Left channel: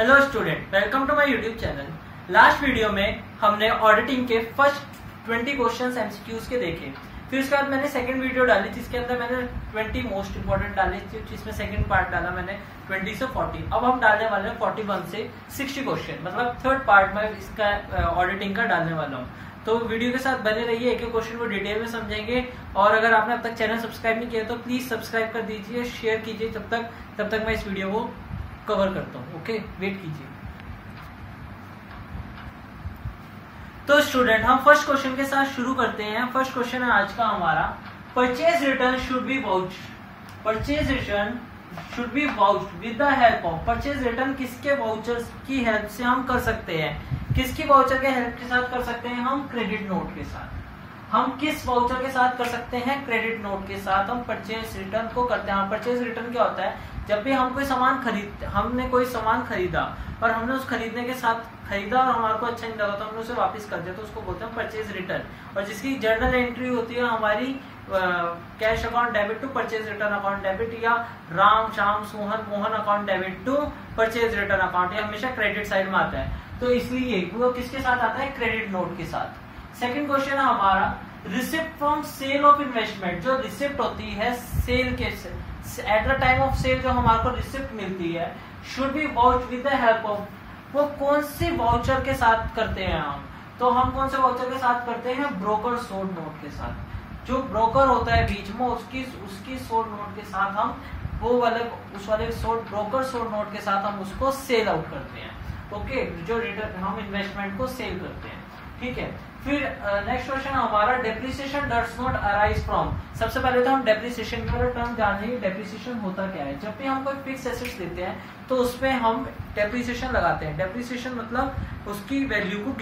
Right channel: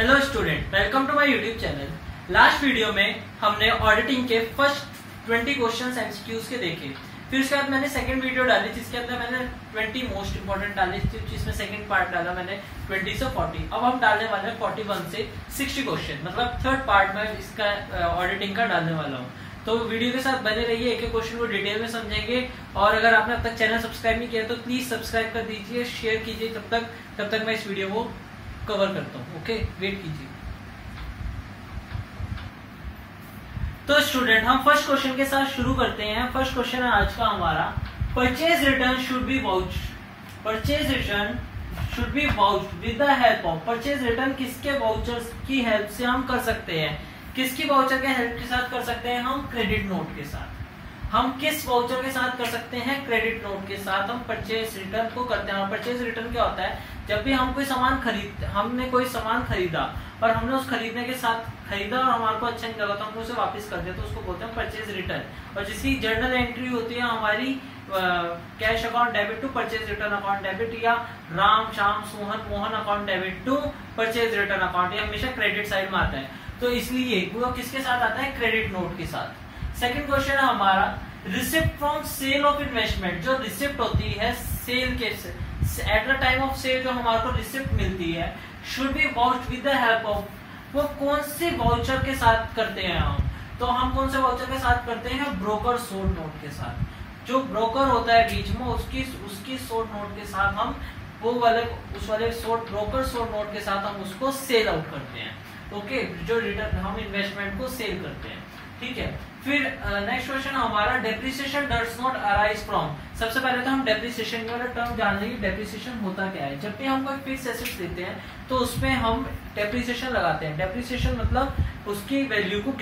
Hello student, welcome to my YouTube channel. Last video में हमने auditing के first 20 questions MCQs के देखे। फिर उसके बाद मैंने सेकंड वीडियो डाली जिसके अंदर मैंने 20 मोस्ट इंपोर्टेंट डाले, जिसमें सेकंड पार्ट डाला मैंने 20 से 40। अब हम डालने वाले हैं 41 से 60 क्वेश्चन, मतलब थर्ड पार्ट में इसका ऑडिटिंग का डालने वाला हूँ। तो वीडियो के साथ बने रहिए, एक एक क्वेश्चन को डिटेल में समझेंगे। और अगर आपने अब तक चैनल सब्सक्राइब नहीं किया तो प्लीज सब्सक्राइब कर दीजिए, शेयर कीजिए। तब तक मैं इस वीडियो को कवर करता हूँ। ओके, वेट कीजिए। तो स्टूडेंट, हम फर्स्ट क्वेश्चन के साथ शुरू करते हैं। फर्स्ट क्वेश्चन है आज का हमारा, purchase return should be vouched. Purchase return should be vouched with the help of. Purchase return किसके वाउचर्स की हेल्प से हम कर सकते हैं? किसकी वाउचर के हेल्प के साथ कर सकते हैं? हम क्रेडिट नोट के साथ। हम किस वाउचर के साथ कर सकते हैं? क्रेडिट नोट के साथ हम परचेज रिटर्न को करते हैं। परचेज रिटर्न क्या होता है? जब भी हम कोई सामान हमने कोई सामान खरीदा और हमने उस खरीदने के साथ खरीदा और हमारे को अच्छा नहीं लगा तो हमने उसे वापस कर दिया, तो उसको बोलते हैं परचेज रिटर्न। और जिसकी जर्नल एंट्री होती है हमारी cash account debit to purchase return account debit, या Ram Shyam Sohan Mohan account debit to purchase return account, ये हमेशा क्रेडिट साइड में आता है। तो इसलिए वो किसके साथ आता है? क्रेडिट नोट के साथ। सेकंड क्वेश्चन है हमारा, receipt from sale of investment. जो रिसिप्ट होती है सेल के, at the time of sale जो हमारे को रिसिप्ट मिलती है, should be vouched with the help of. वो कौन से वाउचर के साथ करते हैं हम? तो हम कौन से वाउचर के साथ करते हैं? ब्रोकर सोल्ड नोट के साथ। जो ब्रोकर होता है बीच में, उसकी सोल्ड नोट के साथ हम उस वाले ब्रोकर सोल्ड नोट के साथ हम उसको सेल आउट करते हैं। ओके, जो रिटर्न हम इन्वेस्टमेंट को सेल करते हैं। ठीक है, फिर नेक्स्ट क्वेश्चन हमारा, depreciation does not arise from. सबसे पहले तो हम डेप्रिसिएशन वाला टर्म जान लीजिए। डेप्रिसिएशन होता क्या है? जब भी हम कोई फिक्स एसेट्स लेते हैं तो उसमें हम डेप्रिसिएशन लगाते हैं। डेप्रिसिएशन मतलब उसकी वैल्यू को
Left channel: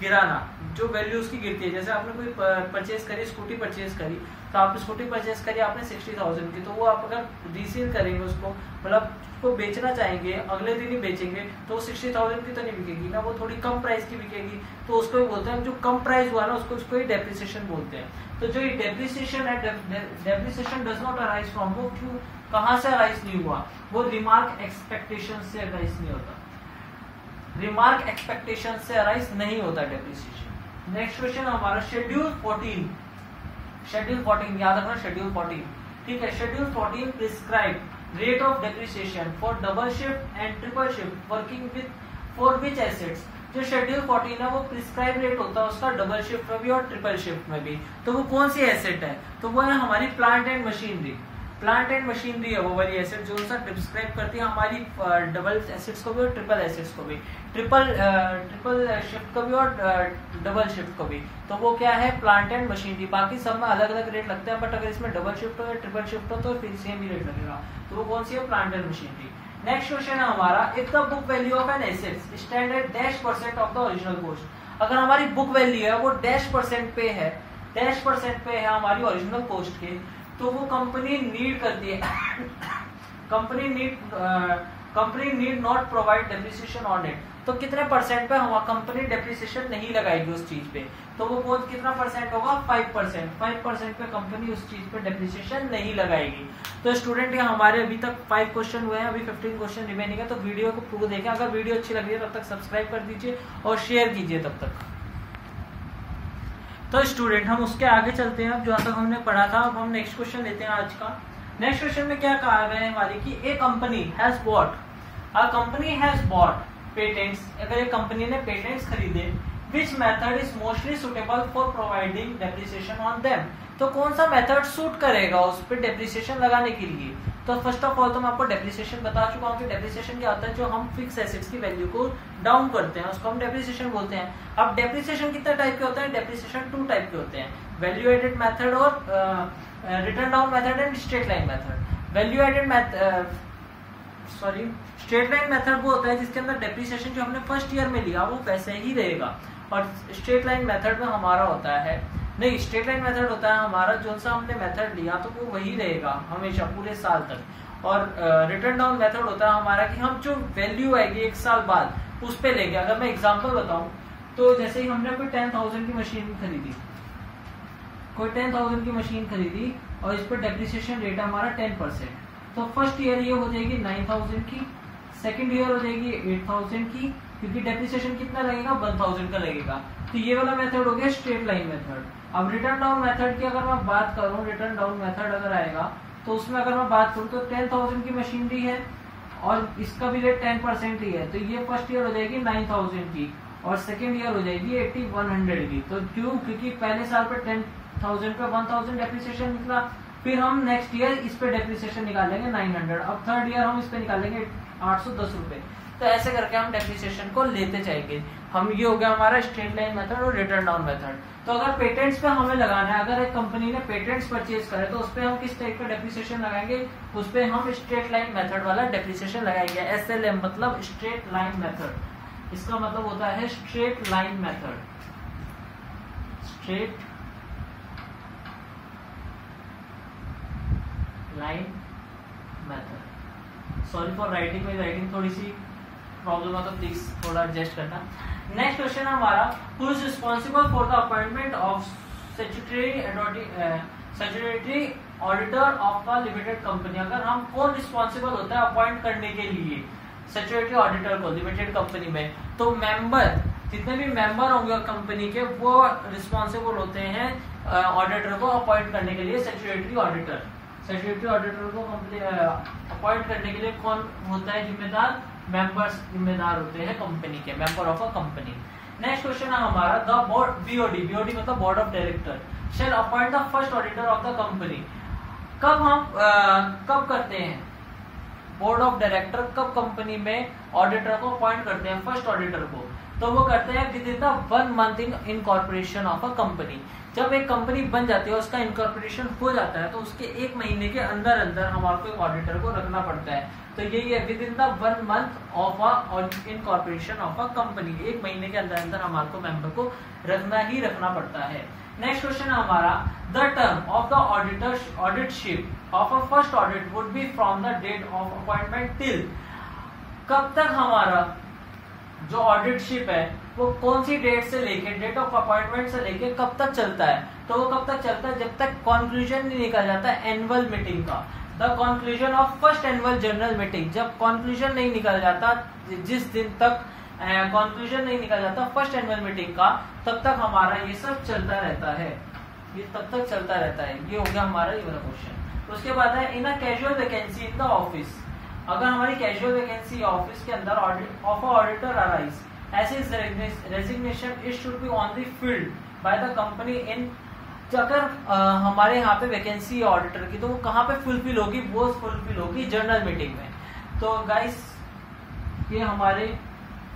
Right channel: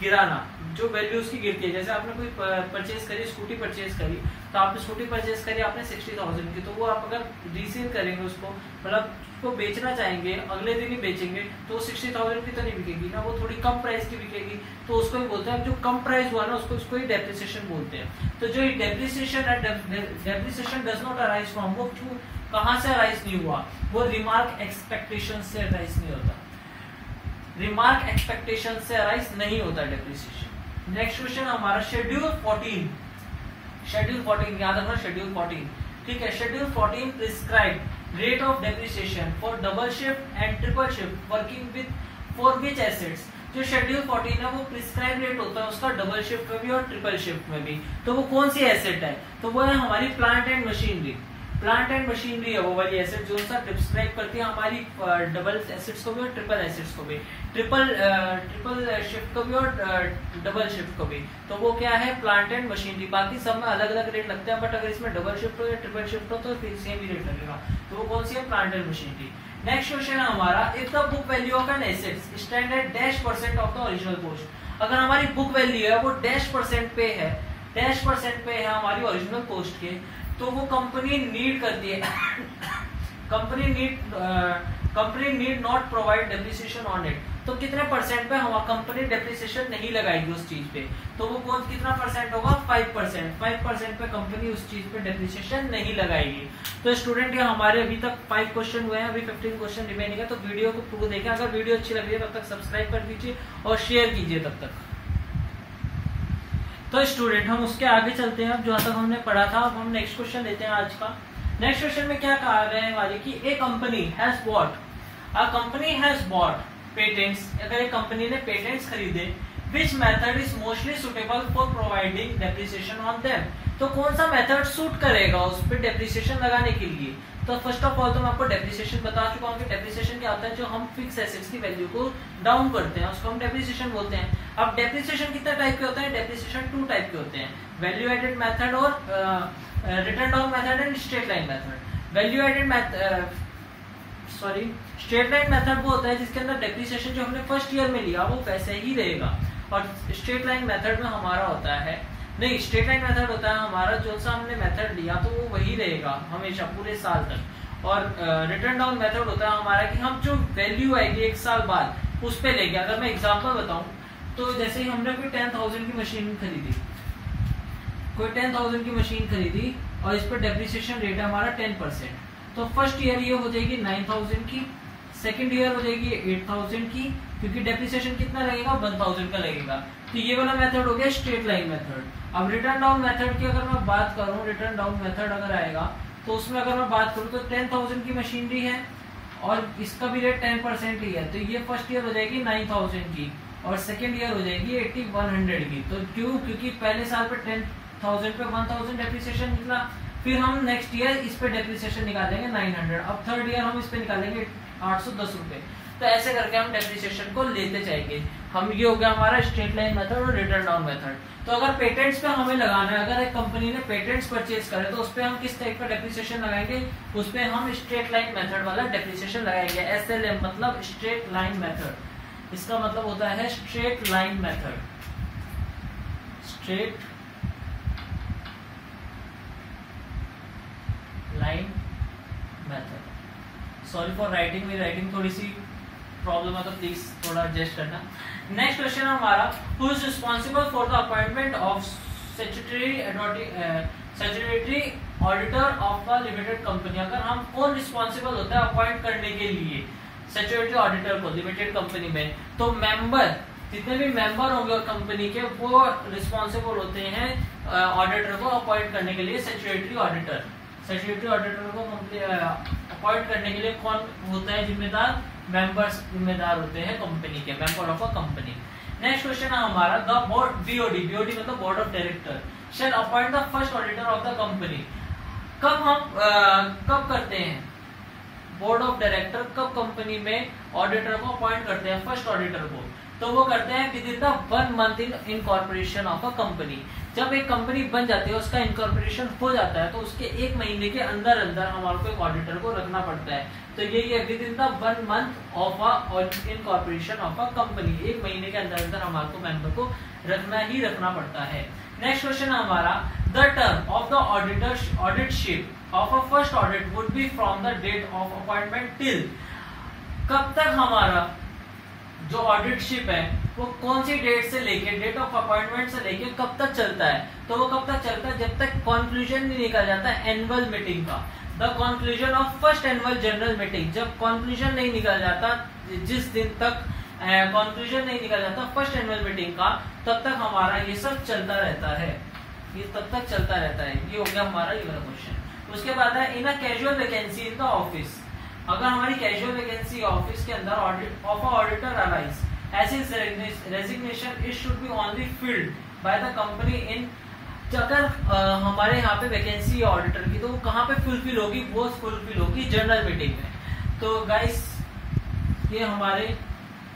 गिराना, जो वैल्यू उसकी गिरती है। जैसे आपने कोई परचेज करी, स्कूटी परचेज करी, तो आप स्कूटी परचेज करी आपने 60,000 की, तो वो आप अगर रीसेल करेंगे उसको, मतलब उसको बेचना चाहेंगे, अगले दिन ही बेचेंगे, तो वो 60,000 की तो नहीं बिकेगी ना, वो थोड़ी कम प्राइस की बिकेगी। तो उसको बोलते हैं, जो कम प्राइस हुआ ना उसको ही डेप्रिसिएशन बोलते हैं। तो जो डेप्रिसिएशन है, depreciation does not arise from, वो क्यों, कहां से अराइज नहीं हुआ? वो रिमार्क एक्सपेक्टेशन से अराइज नहीं होता। रिमार्क एक्सपेक्टेशन से अराइज नहीं होता डेप्रिसिएशन। नेक्स्ट क्वेश्चन हमारा, शेड्यूल 14। शेड्यूल 14 याद रखना, शेड्यूल 14। ठीक है, schedule 14 prescribe rate of depreciation for double shift and triple shift working with for which assets. जो शेड्यूल 14 है वो प्रिस्क्राइब रेट होता है उसका डबल शिफ्ट में भी और ट्रिपल शिफ्ट में भी। तो वो कौन सी एसेट है? तो वो है हमारी plant and machinery. Plant and machinery है वो वाली एसेट जो सा डिस्क्राइब करती है हमारी डबल एसेट्स को भी और ट्रिपल एसेट्स को भी, ट्रिपल शिफ्ट को भी और डबल शिफ्ट को भी। तो वो क्या है? Plant and machinery. बाकी सब में अलग अलग रेट लगते हैं, बट अगर इसमें डबल शिफ्ट हो या ट्रिपल शिफ्ट हो तो फिर सेम ही रेट लगेगा। तो वो कौन सी है? Plant and machinery. Next question है हमारा, if the book value of an asset stand at -% of the original cost. अगर हमारी बुक वैल्यू है वो -% पे है, -% पे है हमारी ओरिजिनल कॉस्ट के, तो वो कंपनी नीड करती है company need not provide depreciation on it. तो कितने परसेंट पे हम कंपनी डेप्रिसिएशन नहीं लगाएगी उस चीज पे? तो वो कितना परसेंट होगा? 5%। 5% पे कंपनी उस चीज पे डेप्रिसिएशन नहीं लगाएगी। तो स्टूडेंट ये हमारे अभी तक 5 क्वेश्चन हुए हैं, अभी 15 क्वेश्चन रिमेनिंग है। तो वीडियो को पूरा देखें। अगर वीडियो अच्छी लग रही है तब तक सब्सक्राइब कर दीजिए और शेयर कीजिए तब तक। तो स्टूडेंट, हम उसके आगे चलते हैं। अब जो तक हमने पढ़ा था, अब हम नेक्स्ट क्वेश्चन लेते हैं आज का। नेक्स्ट क्वेश्चन में क्या कहा गया है हमारी कि ए कंपनी हैज बॉट पेटेंट्स। अगर एक कंपनी ने पेटेंट्स खरीदे, which method is mostly suitable for providing depreciation on them. तो कौन सा मेथड सूट करेगा उस पर डेप्रिसिएशन लगाने के लिए? तो फर्स्ट ऑफ ऑल तो मैं आपको डेप्रिसिएशन बता चुका हूँ कि डेप्रिसिएशन क्या होता है। जो हम फिक्स एसेट्स की वैल्यू को डाउन करते हैं उसको हम डेप्रिसिएशन बोलते हैं। अब डेप्रिसिएशन कितने टाइप के होते हैं? डेप्रिसिएशन 2 टाइप के होते हैं, वैल्यू एडेड मेथड और written down method and straight line method. Value added straight line method वो होता है जिसके अंदर डेप्रिसिएशन जो हमने फर्स्ट ईयर में लिया वो वैसे ही रहेगा, और स्ट्रेट लाइन मेथड में हमारा होता है नहीं, स्ट्रेट लाइन मेथड होता है हमारा जो सा हमने मेथड लिया तो वो वही रहेगा हमेशा पूरे साल तक। और रिटर्न डाउन मेथड होता है हमारा कि हम जो वैल्यू आएगी 1 साल बाद उस पे लेंगे। अगर मैं एग्जांपल बताऊं तो जैसे ही हमने कोई 10,000 की मशीन खरीदी, और इस पर डेप्रिसिएशन रेट है हमारा 10%, तो फर्स्ट ईयर ये हो जाएगी 9,000 की, सेकंड ईयर हो जाएगी 8000 की, क्योंकि डेप्रिसिएशन कितना लगेगा 1000 का लगेगा। तो ये वाला मेथड हो गया स्ट्रेट लाइन मेथड। अब रिटर्न डाउन मेथड की अगर मैं बात करूं, रिटर्न डाउन मेथड अगर आएगा तो उसमें अगर मैं बात करूं तो 10,000 की मशीनरी है और इसका भी रेट 10% ही है, तो ये फर्स्ट ईयर हो जाएगी 9000 की और सेकंड ईयर हो जाएगी 8100 की। तो क्यों? क्योंकि पहले साल पे 10,000 पे 1000 डेप्रिसिएशन निकला, फिर हम नेक्स्ट ईयर इस पे डेप्रिसिएशन निकालेंगे 900, अब थर्ड ईयर हम इस पे निकालेंगे 810 रुपए। तो ऐसे करके हम डेप्रिसिएशन को लेते जाएंगे। हम ये हो गया हमारा स्ट्रेट लाइन मेथड और रिटर्न डाउन मेथड। तो अगर पेटेंट्स पे हमें लगाना है, अगर एक कंपनी ने पेटेंट्स परचेज करे तो उस पे हम किस टाइप का डेप्रिसिएशन लगाएंगे? उस पे हम स्ट्रेट लाइन मेथड वाला डेप्रिसिएशन लगाएंगे। SLM मतलब स्ट्रेट लाइन मेथड, इसका मतलब होता है straight line method, straight line method. Sorry for writing, मेरी राइटिंग थोड़ी सी प्रॉब्लम है तो प्लीज थोड़ा एडजस्ट करना। नेक्स्ट क्वेश्चन है हमारा, who is responsible for the appointment of statutory auditor of a limited company. अगर हम कौन रिस्पांसिबल होता है अपॉइंट करने के लिए स्टैट्यूटरी ऑडिटर को लिमिटेड कंपनी में, तो मेंबर, जितने भी मेंबर होंगे कंपनी के वो रिस्पांसिबल होते हैं ऑडिटर को अपॉइंट करने के लिए। स्टैट्यूटरी ऑडिटर, स्टैट्यूटरी ऑडिटर को अपॉइंट करने के लिए कौन होता है जिम्मेदार? मेंबर्स जिम्मेदार होते हैं कंपनी के, member of a company. Next question है हमारा, द बोर्ड BOD, BOD मतलब board of director shall appoint the first auditor of the company. कब हम कब करते हैं बोर्ड ऑफ डायरेक्टर, कब कंपनी में ऑडिटर को अपॉइंट करते हैं फर्स्ट ऑडिटर को? तो वो करते हैं within the 1 month in incorporation of a company. जब एक कंपनी बन जाती है, उसका इनकॉर्पोरेशन हो जाता है, तो उसके 1 महीने के अंदर अंदर हमारे को एक ऑडिटर को रखना पड़ता है। तो यही है with in the 1 month of a incorporation of a company, 1 महीने के अंदर अंदर हमारे को मेंबर को रखना ही रखना पड़ता है। नेक्स्ट क्वेश्चन है हमारा, the term of the auditship of a first audit would be from the date of appointment till. कब तक हमारा जो ऑडिटशिप है वो कौन सी डेट से लेके, डेट ऑफ अपॉइंटमेंट से लेके कब तक चलता है? तो वो कब तक चलता है? जब तक कंक्लूजन नहीं निकल जाता एनुअल मीटिंग का, the conclusion of first annual general meeting. जब कंक्लूजन नहीं निकल जाता, जिस दिन तक कंक्लूजन नहीं निकल जाता फर्स्ट एनुअल मीटिंग का, तब तक हमारा ये सब चलता रहता है, ये तब तक चलता रहता है। ये हो गया हमारा ये वाला क्वेश्चन। उसके बाद है, in a casual vacancy in the office, अगर हमारी कैजुअल वैकेंसी ऑफिस के अंदर ऑफ ऑडिटर अराइज, ऐसे resignation it should be only filled by the company in. अगर हमारे यहाँ पे वैकेंसी ऑडिटर की, तो वो कहाँ पे फुलफिल होगी? वो फुलफिल होगी जनरल मीटिंग में। तो गाइस ये हमारे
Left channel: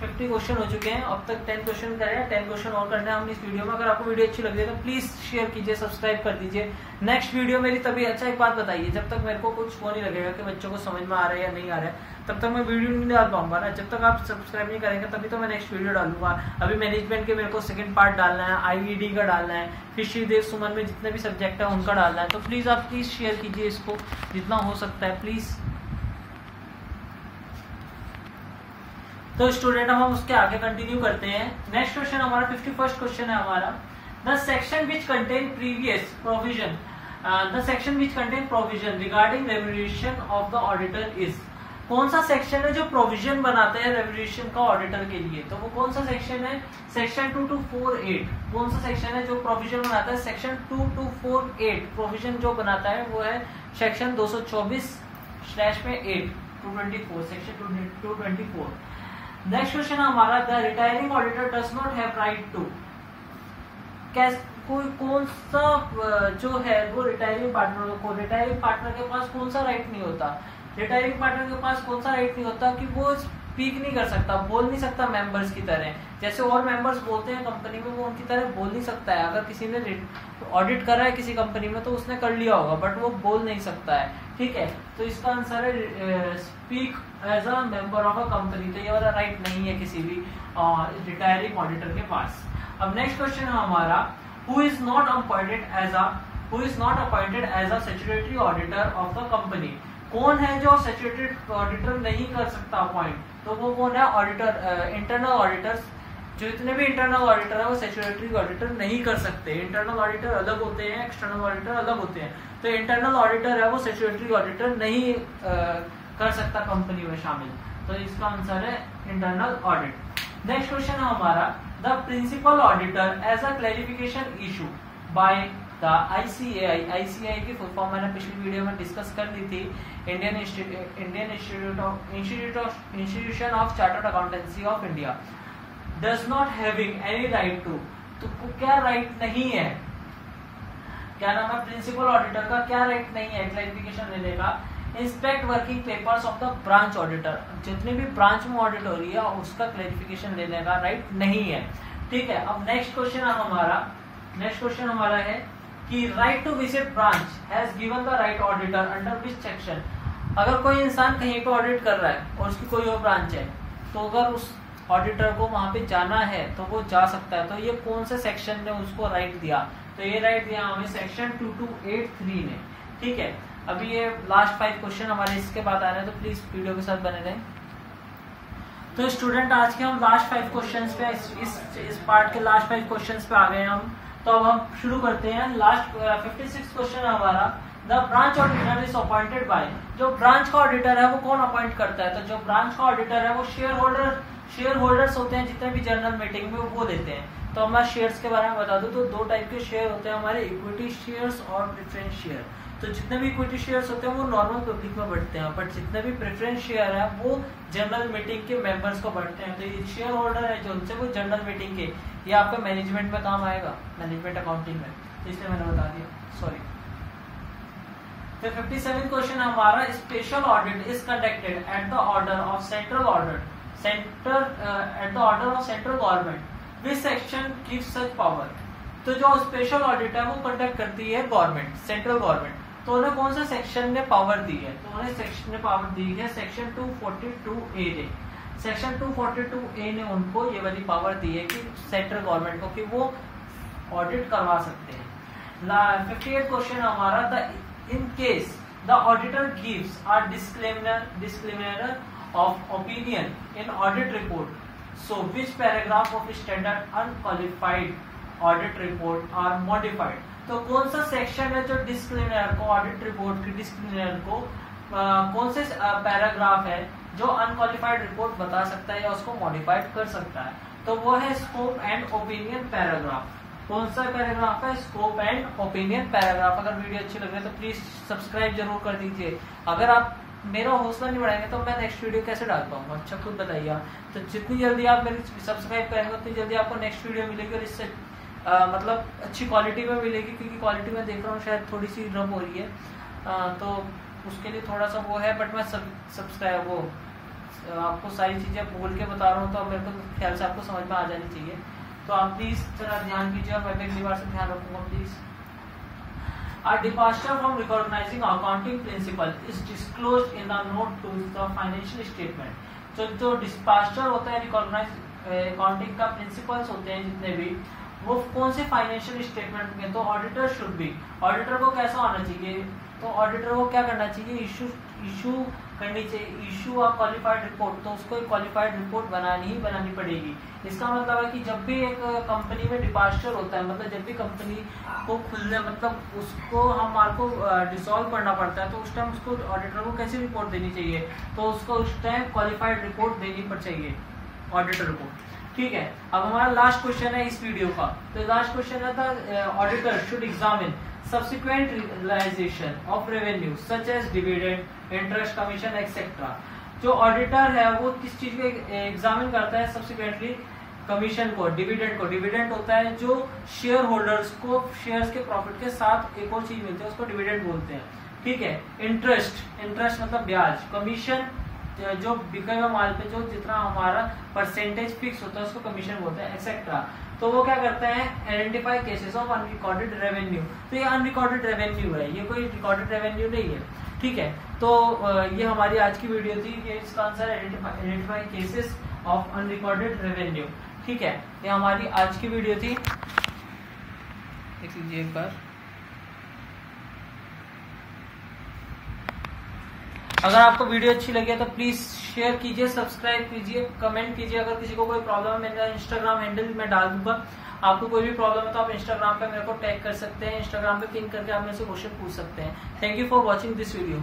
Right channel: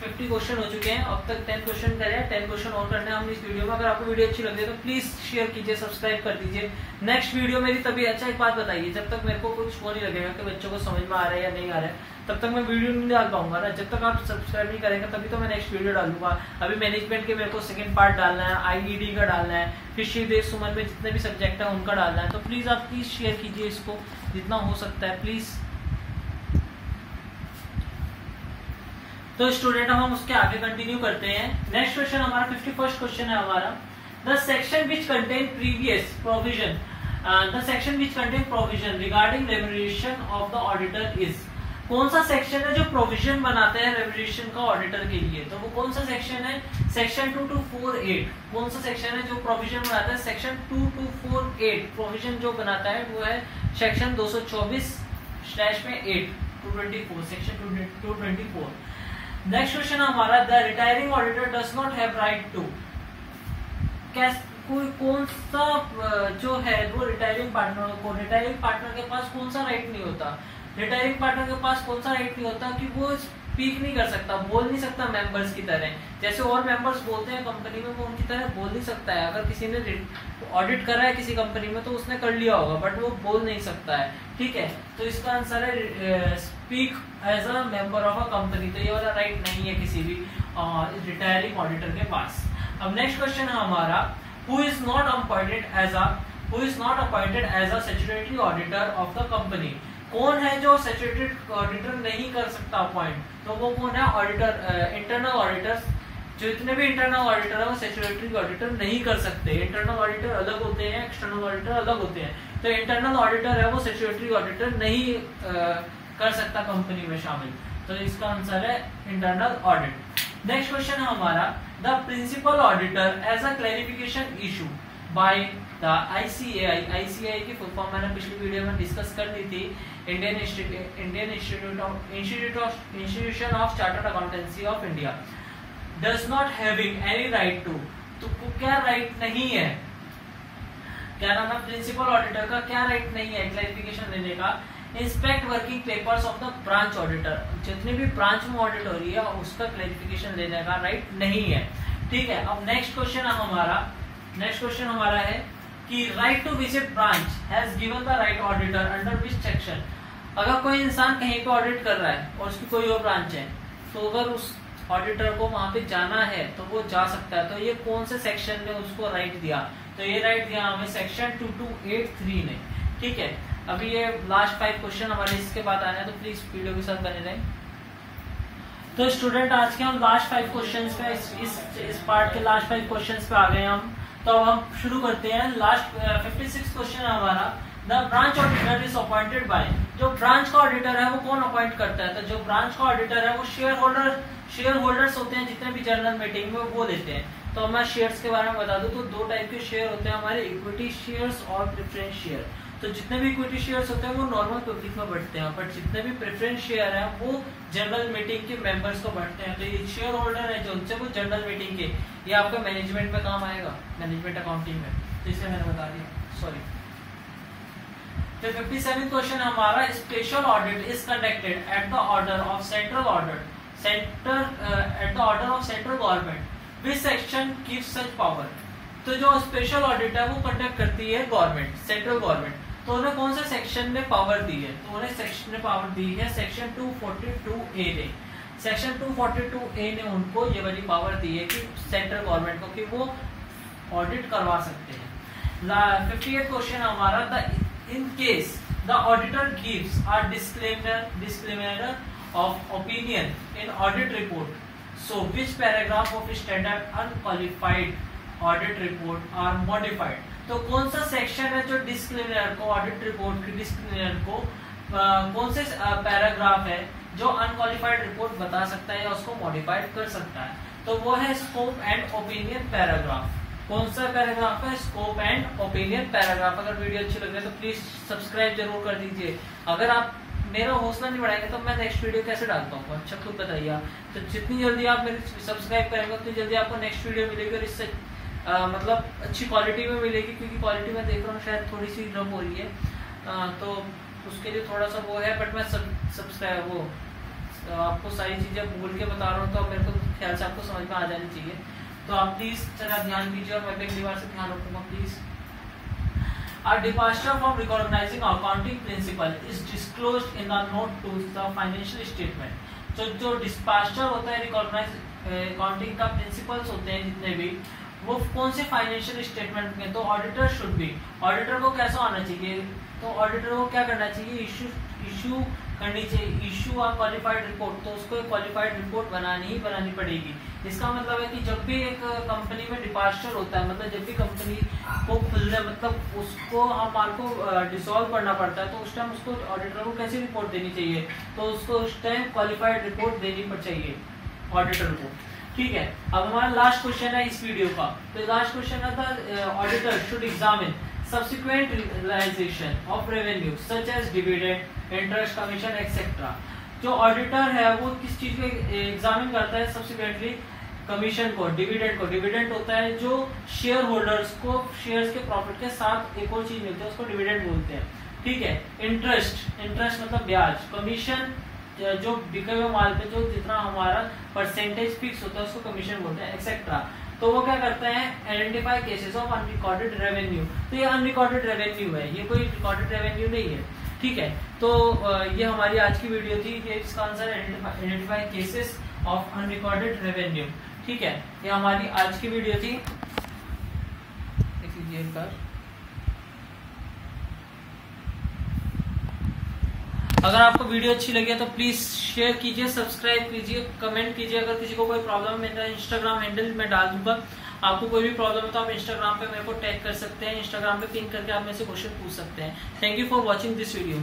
50 क्वेश्चन हो चुके हैं, अब तक 10 क्वेश्चन करे हैं, 10 क्वेश्चन और करने हैं हम इस वीडियो में। अगर आपको वीडियो अच्छी लगी है तो प्लीज शेयर कीजिए, सब्सक्राइब कर दीजिए। नेक्स्ट वीडियो मेरी तभी, अच्छा एक बात बताइए, जब तक मेरे को कुछ वो नहीं लगेगा कि बच्चों को समझ में आ रहा है या नहीं आ रहा है, तब तक मैं वीडियो नहीं डाल पाऊंगा ना। जब तक आप सब्सक्राइब नहीं करेंगे तभी तो मैं नेक्स्ट वीडियो डालूंगा। अभी मैनेजमेंट के मेरे को सेकंड पार्ट डालना है, IED का डालना है, फिर श्रीदेव सुमन में जितने भी सब्जेक्ट है उनका डालना है। तो प्लीज आप प्लीज शेयर कीजिए इसको जितना हो सकता है प्लीज। तो स्टूडेंट हम उसके आगे कंटिन्यू करते हैं। नेक्स्ट क्वेश्चन हमारा 51st क्वेश्चन है हमारा, the section which contain previous provision, the section which contain provision regarding remuneration of the auditor is. कौन सा सेक्शन है जो प्रोविजन बनाता है रेम्यूनरेशन का ऑडिटर के लिए? तो वो कौन सा सेक्शन है? सेक्शन 2248। कौन सा सेक्शन है जो प्रोविजन बनाता है? सेक्शन 2248 प्रोविजन जो बनाता है वो है सेक्शन 224/8 224, सेक्शन 224। नेक्स्ट क्वेश्चन हमारा, the retiring auditor does not have right to. कोई कौन सा जो है वो रिटायरिंग पार्टनर को, रिटायरिंग पार्टनर के पास कौन सा राइट नहीं होता? रिटायरिंग पार्टनर के पास कौन सा राइट नहीं होता कि वो स्पीक नहीं कर सकता, बोल नहीं सकता मेंबर्स की तरह। जैसे और मेंबर्स बोलते हैं कंपनी में, वो उनकी तरह बोल नहीं सकता है। अगर किसी ने ऑडिट करा है किसी कंपनी में तो उसने कर लिया होगा, बट वो बोल नहीं सकता है, ठीक है। तो इसका आंसर है speak as a member of a company. तो ये वाला राइट नहीं है किसी भी रिटायरिंग ऑडिटर के पास। अब नेक्स्ट क्वेश्चन है हमारा, who is not appointed as a statutory auditor of the company. कौन है जो स्टैट्यूटरी ऑडिटर नहीं कर सकता अपॉइंट? तो वो कौन है? Auditor, internal auditors. जो इतने भी इंटरनल ऑडिटर है वो स्टैट्यूटरी ऑडिटर नहीं कर सकते। इंटरनल ऑडिटर अलग होते हैं, एक्सटर्नल ऑडिटर अलग होते हैं। तो इंटरनल ऑडिटर है वो स्टैट्यूटरी ऑडिटर नहीं कर सकता कंपनी में शामिल। तो इसका आंसर है इंटरनल ऑडिट। नेक्स्ट क्वेश्चन है हमारा, the principal auditor as a clarification issue by the ICAI। ICAI की फुल फॉर्म मैंने पिछली वीडियो में डिस्कस कर ली थी, Indian institution of chartered accountancy of India. Does not having any right to, तो क्या राइट नहीं है, क्या नाम है, प्रिंसिपल ऑडिटर का क्या राइट नहीं है क्लैरिफिकेशन लेने का, inspect working papers of the branch auditor, जितनी भी ब्रांच में ऑडिट हो रही है उसका क्लैरिफिकेशन लेने का राइट नहीं है। ठीक है, अब नेक्स्ट क्वेश्चन हमारा है कि right to visit branch has given the right auditor under which section. अगर कोई इंसान कहीं पे ऑडिट कर रहा है और उसकी कोई और ब्रांच है, तो अगर उस ऑडिटर को वहां पे जाना है तो वो जा सकता है। तो ये कौन से सेक्शन ने उसको राइट दिया, तो ये राइट दिया हमें सेक्शन 2283 ने। ठीक है, अभी ये लास्ट 5 क्वेश्चन हमारे इसके बाद आने हैं, तो प्लीज वीडियो के साथ बने रहें। तो स्टूडेंट आज के हम लास्ट 5 क्वेश्चंस पे इस पार्ट के लास्ट 5 क्वेश्चंस पे आ गए हम। तो अब हम शुरू करते हैं। लास्ट 56 क्वेश्चन है हमारा, the branch auditor is appointed by. जो ब्रांच का ऑडिटर है वो कौन अपॉइंट करता है, तो जो ब्रांच का ऑडिटर है वो शेयर होल्डर्स होते हैं, जितने भी जनरल मीटिंग में वो लेते हैं। तो मैं शेयर्स के बारे में बता दूं तो 2 टाइप के शेयर होते हैं हमारे, इक्विटी शेयर्स और प्रेफरेंस शेयर। तो जितने भी इक्विटी शेयर्स होते हैं वो नॉर्मल पब्लिक में बढ़ते हैं, बट जितने भी प्रेफरेंस शेयर है वो जनरल मीटिंग के मेंबर्स को बढ़ते हैं। तो ये शेयर होल्डर है जो उनसे वो जनरल मीटिंग के, ये आपके मैनेजमेंट में काम आएगा, मैनेजमेंट अकाउंटिंग में, तो इसलिए मैंने बता दिया, सॉरी। तो 57 क्वेश्चन हमारा, special audit is conducted at the order of central government, which section gives such power. तो जो स्पेशल ऑडिट है वो कंडक्ट करती है गवर्नमेंट, सेंट्रल गवर्नमेंट। तो उन्हें कौन से सेक्शन ने पावर दी है, तो उन्हें सेक्शन ने पावर दी है सेक्शन 242A ने। सेक्शन 242A ने उनको ये वाली पावर दी है कि सेंट्रल गवर्नमेंट को, कि वो ऑडिट करवा सकते हैं। 58 क्वेश्चन हमारा, in case the auditor gives a disclaimer of opinion in audit report, so which paragraph of standard unqualified audit report are modified. तो कौन सा सेक्शन है जो डिस्क्लेमर को, ऑडिट रिपोर्ट की डिस्क्लेमर को कौन से पैराग्राफ है जो अनक्वालिफाइड रिपोर्ट बता सकता है या उसको मॉडिफाइड कर सकता है, तो वो है स्कोप एंड ओपिनियन पैराग्राफ। कौन सा पैराग्राफ है, स्कोप एंड ओपिनियन पैराग्राफ। अगर वीडियो अच्छी लगे तो प्लीज सब्सक्राइब जरूर कर दीजिए। अगर आप मेरा हौसला नहीं बढ़ाएंगे तो मैं नेक्स्ट वीडियो कैसे डाल पाऊंगा, अच्छा खुद बताइए। तो जितनी जल्दी आप मेरी सब्सक्राइब करेंगे उतनी जल्दी आपको नेक्स्ट वीडियो मिलेगी, और इससे मतलब अच्छी क्वालिटी में मिलेगी, क्योंकि क्वालिटी में देख रहा हूँ शायद थोड़ी सी ड्रॉप हो रही है, तो उसके लिए थोड़ा सा वो है, बट मैं सब्सक्राइब वो आपको सारी चीजें बोल के बता रहा हूँ, तो मेरे को ख्याल से आपको समझ में आ जानी चाहिए। तो आप प्लीज जरा ध्यान कीजिए और मैं भी अगली बार से ध्यान रखूंगा please. A departure from recognizing accounting principle is disclosed in the note to the financial statement। जो डिस्पास्चर होता है रिकॉग्नाइज अकाउंटिंग का प्रिंसिपल्स होते हैं जितने भी, वो कौन से फाइनेंशियल स्टेटमेंट में, तो ऑडिटर शुड बी, ऑडिटर को कैसा आना चाहिए, तो ऑडिटर को क्या करना चाहिए, इशू करनी चाहिए, इशू अ क्वालिफाइड रिपोर्ट। तो उसको एक क्वालिफाइड रिपोर्ट बनानी पड़ेगी। इसका मतलब है कि जब भी एक कंपनी में डिपार्चर होता है, मतलब जब भी कंपनी को खुलने, मतलब उसको हमारे को डिसॉल्व करना पड़ता है, तो उस टाइम उसको ऑडिटर को कैसी रिपोर्ट देनी चाहिए, तो उसको उस टाइम क्वालिफाइड रिपोर्ट देनी चाहिए ऑडिटर को। ठीक है, अब हमारा लास्ट क्वेश्चन है इस वीडियो का। तो लास्ट क्वेश्चन है, the auditor should examine subsequent realization of revenue such as dividend, interest, commission, etc। जो ऑडिटर है वो किस चीज को एग्जामिन करता है, सब्सिक्वेंटली कमीशन को, डिविडेंड को। डिविडेंड होता है जो शेयर होल्डर्स को शेयर्स के प्रॉफिट के साथ एक और चीज मिलती है, उसको डिविडेंड बोलते हैं। ठीक है, इंटरेस्ट मतलब ब्याज, कमीशन जो बिके हुए माल पे जो जितना हमारा परसेंटेज फिक्स होता है उसको कमीशन बोलते हैं, एक्सेट्रा। तो वो क्या करते हैं, identify cases of unrecorded revenue. तो ये अनरिकॉर्डेड रेवेन्यू है, ये कोई रिकॉर्डेड रेवेन्यू नहीं है। ठीक है, तो ये हमारी आज की वीडियो थी, ये इसका answer identify cases of unrecorded revenue. ठीक है, ये हमारी आज की वीडियो थी। एक बार अगर आपको वीडियो अच्छी लगी तो प्लीज शेयर कीजिए, सब्सक्राइब कीजिए, कमेंट कीजिए। अगर किसी को कोई प्रॉब्लम है, मेरा इंस्टाग्राम हैंडल मैं डाल दूंगा। आपको कोई भी प्रॉब्लम है तो आप इंस्टाग्राम पे मेरे को टैग कर सकते हैं, इंस्टाग्राम पे पिन करके आप मेरे से क्वेश्चन पूछ सकते हैं। Thank you for watching this video.